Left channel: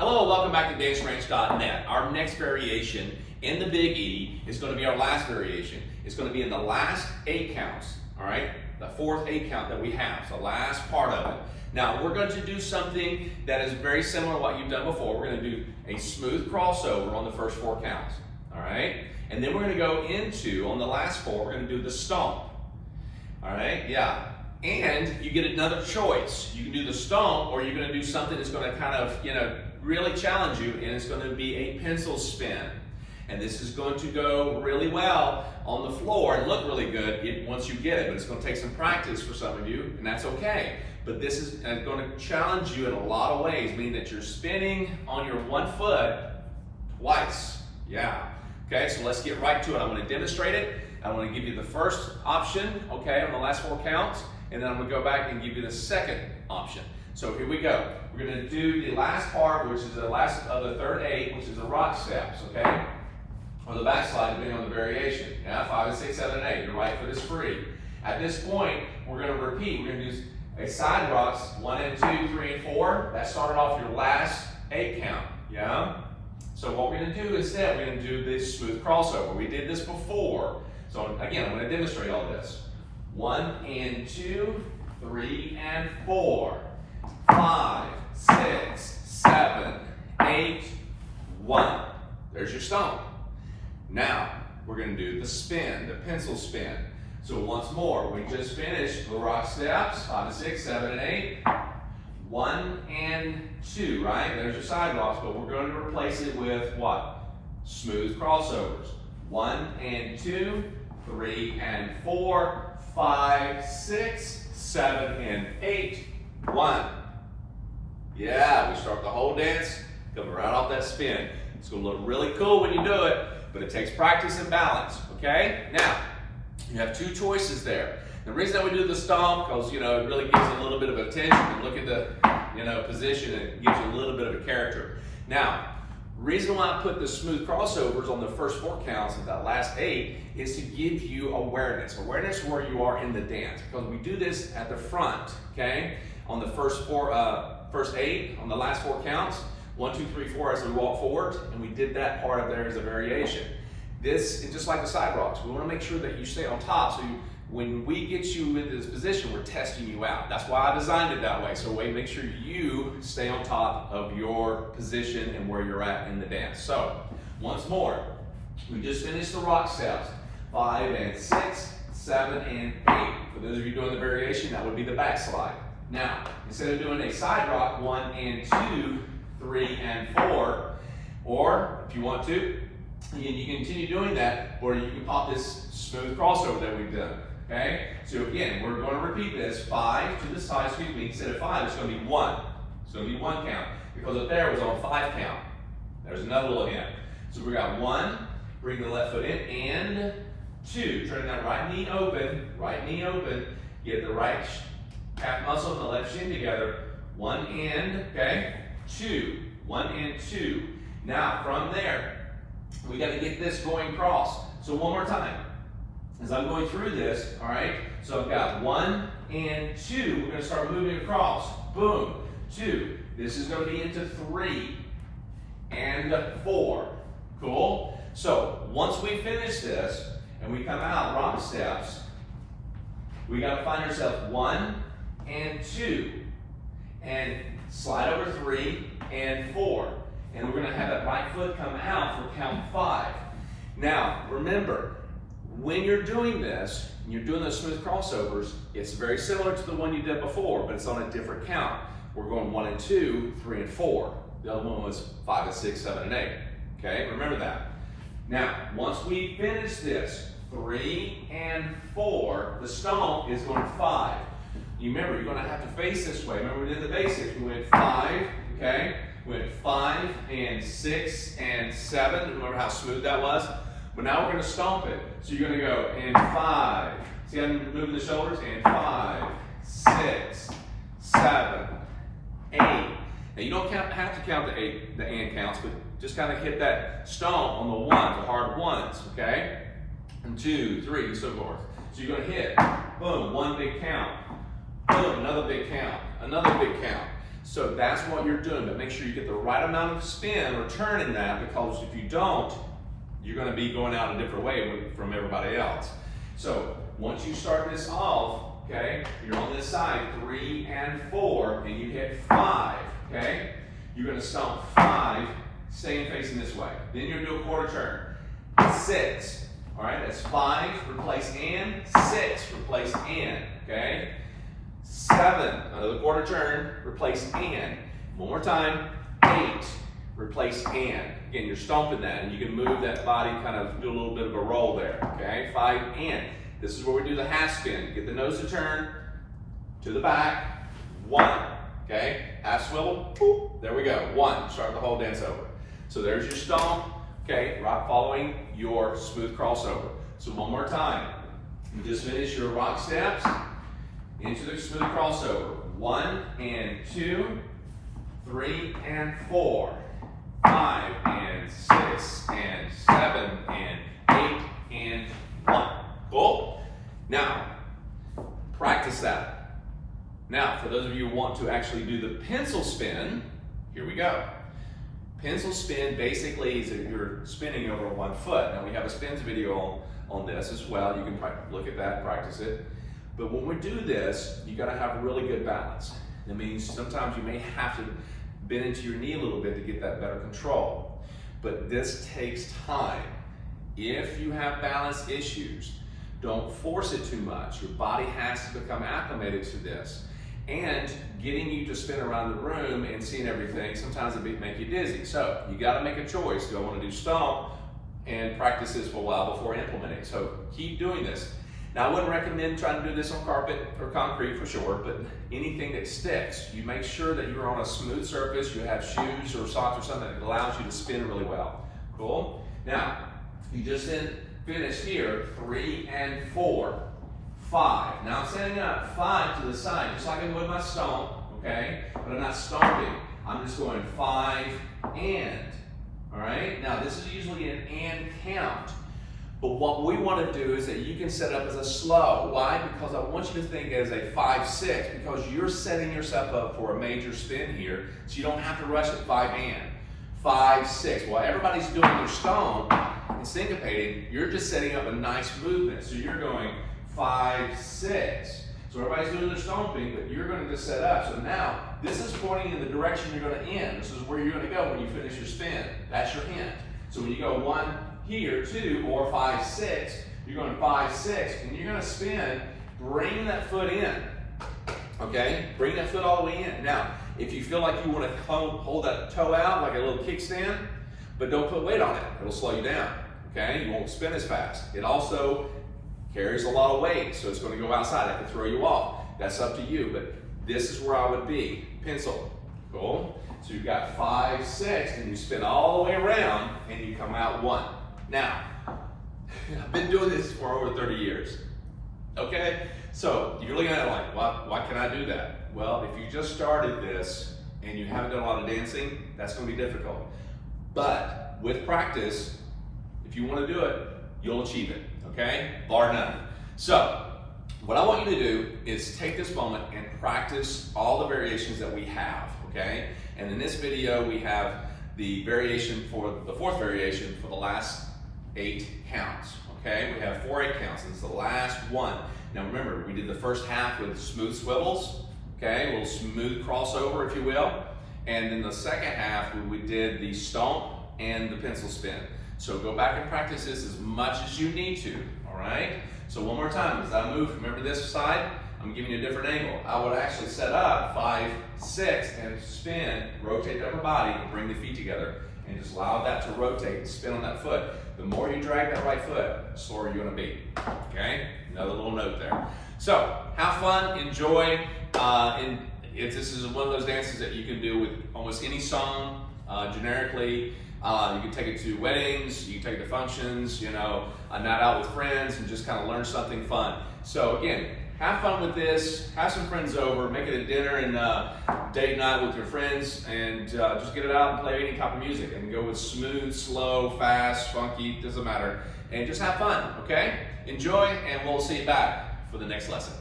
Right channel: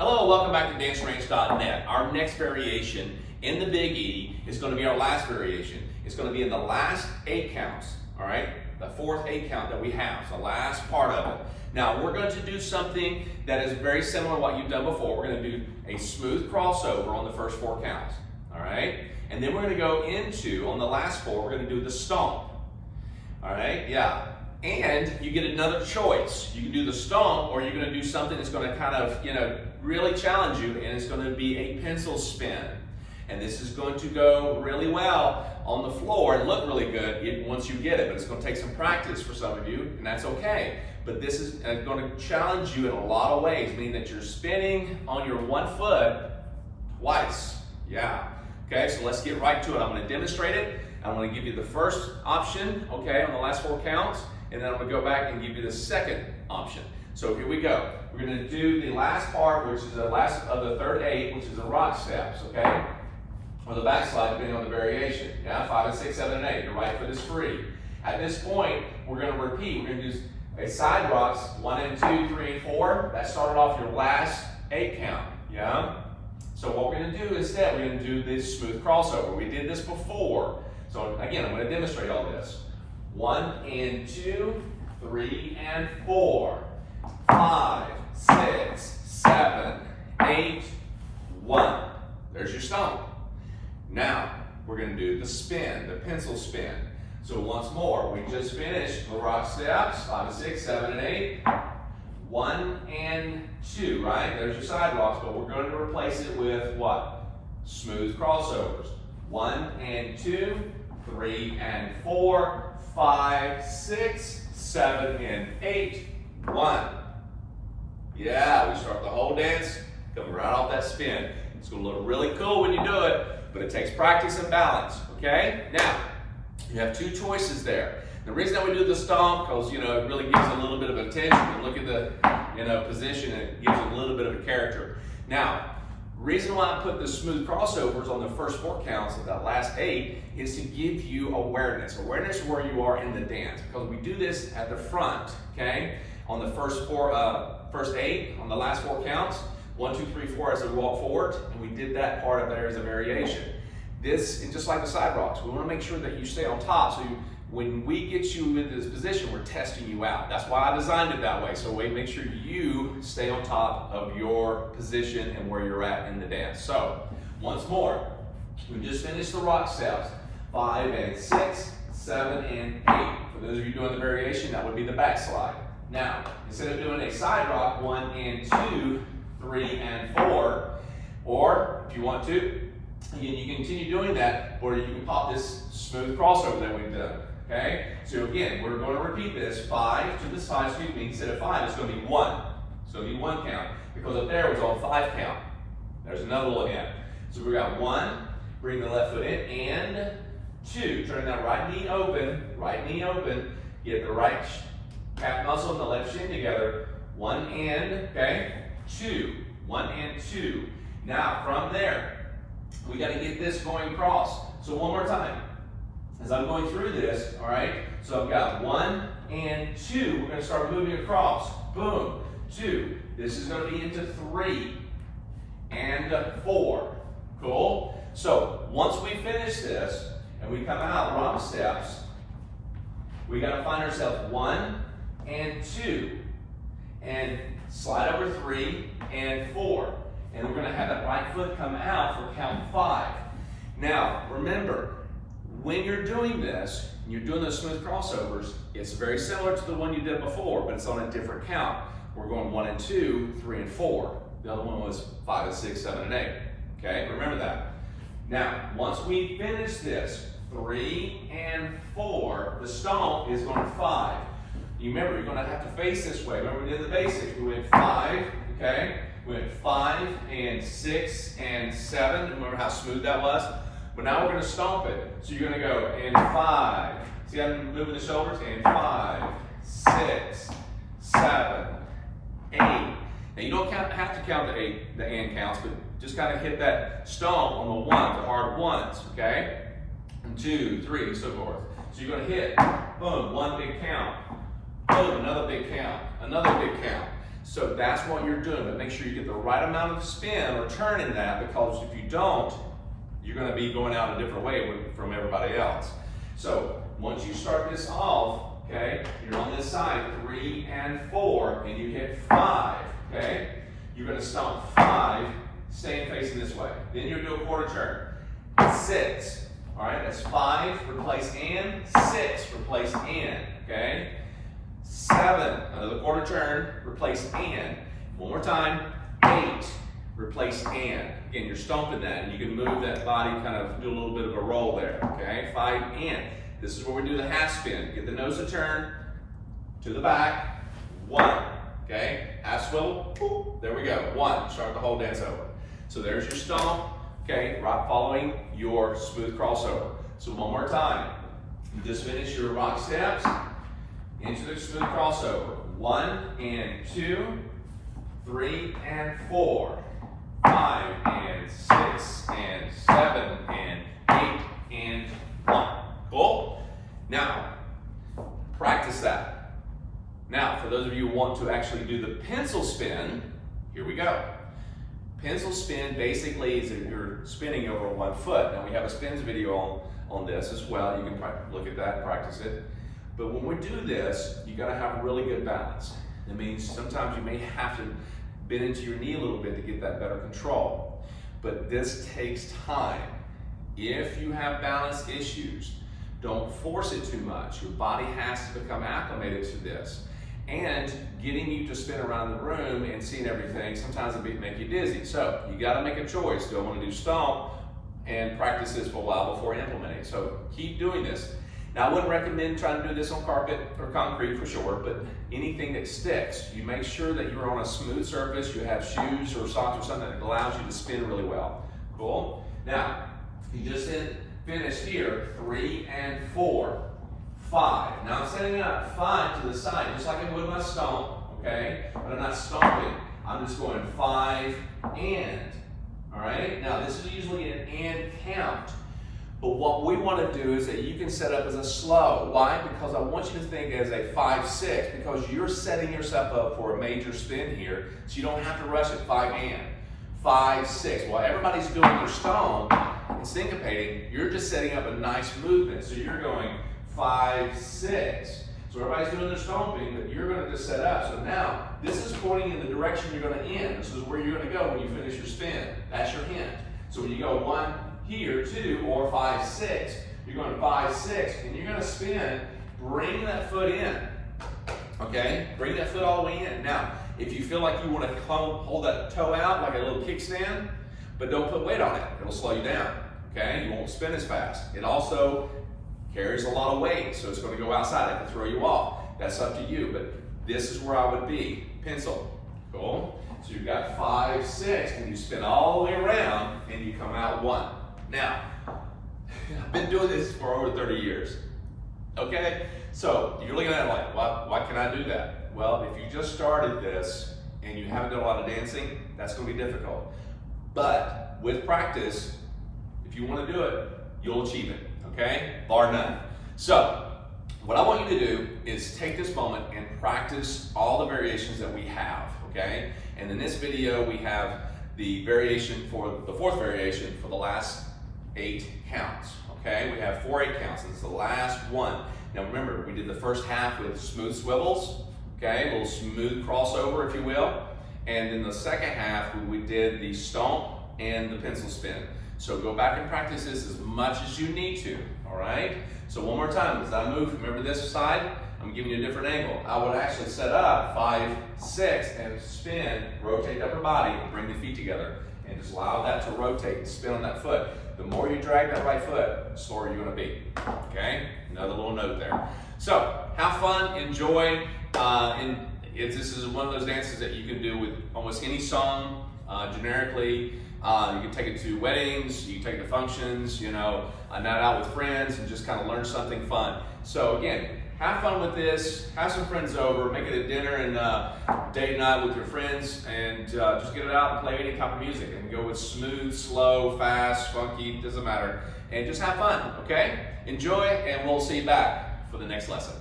Hello, welcome back to dancerange.net. Our next variation in the Big E is going to be our last variation. It's going to be in the last 8 counts, all right? The fourth 8 count that we have, the last part of it. Now, we're going to do something that is very similar to what you've done before. We're going to do a smooth crossover on the first 4 counts, all right? And then we're going to go into, on the last 4, we're going to do the stomp, all right? Yeah. And you get another choice. You can do the stomp, or you're going to do something that's going to kind of, really challenge you, and it's going to be a pencil spin. And this is going to go really well on the floor and look really good once you get it, but it's going to take some practice for some of you, and that's okay. But this is going to challenge you in a lot of ways, meaning that you're spinning on your one foot twice. Yeah. Okay, so let's get right to it. I'm going to demonstrate it. I'm going to give you the first option, okay, on the last 4 counts, and then I'm going to go back and give you the second option. So here we go. We're going to do the last part, which is the last of the third 8, which is the rock steps, okay? Or the backslide, depending on the variation. Yeah, 5 and 6, 7 and 8. Your right foot is free. At this point, we're going to repeat. We're going to do a side rocks, 1 and 2, 3 and 4. That started off your last 8 count. Yeah? So what we're going to do instead, we're going to do this smooth crossover. We did this before. So again, I'm going to demonstrate all this. 1 and 2, 3 and 4. 5, 6, 7, 8, 1. There's your stomp. Now, we're going to do the spin, the pencil spin. So once more, we just finished the rock steps, 5 and 6, 7 and 8. 1 and 2, right? There's your side rocks, but we're going to replace it with what? Smooth crossovers. 1 and 2, 3 and 4, 5, 6, 7 and 8, 1. Yeah, we start the whole dance coming right off that spin. It's going to look really cool when you do it, but it takes practice and balance, okay? Now, you have 2 choices there. The reason that we do the stomp, because, it really gives a little bit of attention. And look at the, position, and it gives you a little bit of a character. Now, reason why I put the smooth crossovers on the first 4 counts of that last 8 is to give you awareness. Awareness where you are in the dance, because we do this at the front, okay? On the first 8, on the last 4 counts, 1, 2, 3, 4 as we walk forward, and we did that part of there as a variation. This is just like the side rocks. We want to make sure that you stay on top, so when we get you into this position, we're testing you out. That's why I designed it that way, so we make sure you stay on top of your position and where you're at in the dance. So, once more, we just finished the rock steps, 5 and 6, 7 and 8. For those of you doing the variation, that would be the backslide. Now, instead of doing a side rock, 1 and 2, 3 and 4, or if you want to, again, you can continue doing that, or you can pop this smooth crossover that we've done. Okay? So again, we're going to repeat this 5 to the side sweep. Instead of 5, it's going to be 1. It's going to be 1 count, because up there was on 5 count. There's another little hint. So we got 1, bring the left foot in, and 2. Turn that right knee open, get the right calf muscle and the left shin together. 1 and, okay? 2. 1 and 2. Now, from there, we got to get this going cross. So one more time. As I'm going through this, all right? So I've got 1 and 2. We're going to start moving across. Boom. 2. This is going to be into 3 and 4. Cool? So once we finish this and we come out rock steps, we got to find ourselves 1 and 2, and slide over 3 and 4. And we're going to have that right foot come out for count 5. Now, remember, when you're doing this, and you're doing those smooth crossovers, it's very similar to the one you did before, but it's on a different count. We're going 1 and 2, 3 and 4. The other one was 5 and 6, 7 and 8. Okay, remember that. Now, once we finish this, 3 and 4, the stomp is going to 5. You remember, you're going to have to face this way. Remember, we did the basics. We went 5, okay? We went 5 and 6 and 7. Remember how smooth that was? But now we're going to stomp it. So you're going to go in 5. See how I'm moving the shoulders? And 5, 6, 7, 8. Now you don't have to count the and counts, but just kind of hit that stomp on the ones, the hard ones, okay? And 2, 3, and so forth. So you're going to hit, boom, 1 big count. Boom, another big count, another big count. So that's what you're doing, but make sure you get the right amount of spin or turn in that, because if you don't, you're going to be going out a different way from everybody else. So once you start this off, okay, you're on this side, 3 and 4, and you hit 5, okay? You're going to stomp 5, staying facing this way. Then you'll do a quarter turn. 6, all right, that's 5, replace and, 6, replace and, okay? 7, another quarter turn, replace and. One more time, 8, replace and. Again, you're stomping that, and you can move that body, kind of do a little bit of a roll there, okay? 5 and. This is where we do the half spin. Get the nose to turn, to the back, 1, okay? Half swivel, boop, there we go, 1. Start the whole dance over. So there's your stomp, okay? Right following your smooth crossover. So one more time. Just finish your rock steps into the smooth crossover. 1 and 2, 3 and 4, 5 and 6 and 7 and 8 and 1. Cool? Now, practice that. Now, for those of you who want to actually do the pencil spin, here we go. Pencil spin basically is if you're spinning over one foot. Now, we have a spins video on this as well. You can look at that, practice it. But when we do this, you got to have really good balance. That means sometimes you may have to bend into your knee a little bit to get that better control. But this takes time. If you have balance issues, don't force it too much. Your body has to become acclimated to this. And getting you to spin around the room and seeing everything, sometimes it may make you dizzy. So you got to make a choice. Do I want to do stomp and practice this for a while before implementing? So keep doing this. Now, I wouldn't recommend trying to do this on carpet or concrete for sure, but anything that sticks, you make sure that you're on a smooth surface, you have shoes or socks or something that allows you to spin really well. Cool? Now, you just finished here, 3 and 4, 5. Now I'm setting up 5 to the side, just like I would my stomp, okay? But I'm not stomping. I'm just going 5 and, all right? Now this is usually an and count. But what we want to do is that you can set up as a slow. Why? Because I want you to think as a 5-6, because you're setting yourself up for a major spin here, so you don't have to rush it 5 and. 5-6. While everybody's doing their stomp and syncopating, you're just setting up a nice movement. So you're going 5-6. So everybody's doing their stomping, but you're going to just set up. So now, this is pointing in the direction you're going to end. This is where you're going to go when you finish your spin. That's your hint. So when you go 1, here, 2, or 5-6, you're going 5-6, and you're going to spin, bring that foot in, okay? Bring that foot all the way in. Now, if you feel like you want to hold that toe out like a little kickstand, but don't put weight on it. It'll slow you down, okay? You won't spin as fast. It also carries a lot of weight, so it's going to go outside. That could throw you off. That's up to you, but this is where I would be. Pencil, cool? So you've got 5-6, and you spin all the way around, and you come out 1. Now, I've been doing this for over 30 years, okay? So you're looking at it like, why can I do that? Well, if you just started this and you haven't done a lot of dancing, that's going to be difficult. But with practice, if you want to do it, you'll achieve it, okay? Bar none. So what I want you to do is take this moment and practice all the variations that we have, okay? And in this video, we have the variation for the 4th variation for the last 8 counts, okay? We have 4 8 counts, and it's the last one. Now remember, we did the first half with smooth swivels, okay? A little smooth crossover, if you will. And then the second half, we did the stomp and the pencil spin. So go back and practice this as much as you need to, all right? So one more time, as I move, remember this side? I'm giving you a different angle. I would actually set up 5-6 and spin, rotate the upper body, bring the feet together, and just allow that to rotate and spin on that foot. The more you drag that right foot, the slower you're gonna be, okay? Another little note there. So, have fun, enjoy, this is one of those dances that you can do with almost any song, generically. You can take it to weddings, you can take it to functions, you know, a night out with friends, and just kind of learn something fun. So again, have fun with this, have some friends over, make it a dinner and date night with your friends, and just get it out and play any type of music, and go with smooth, slow, fast, funky, doesn't matter, and just have fun, okay? Enjoy, and we'll see you back for the next lesson.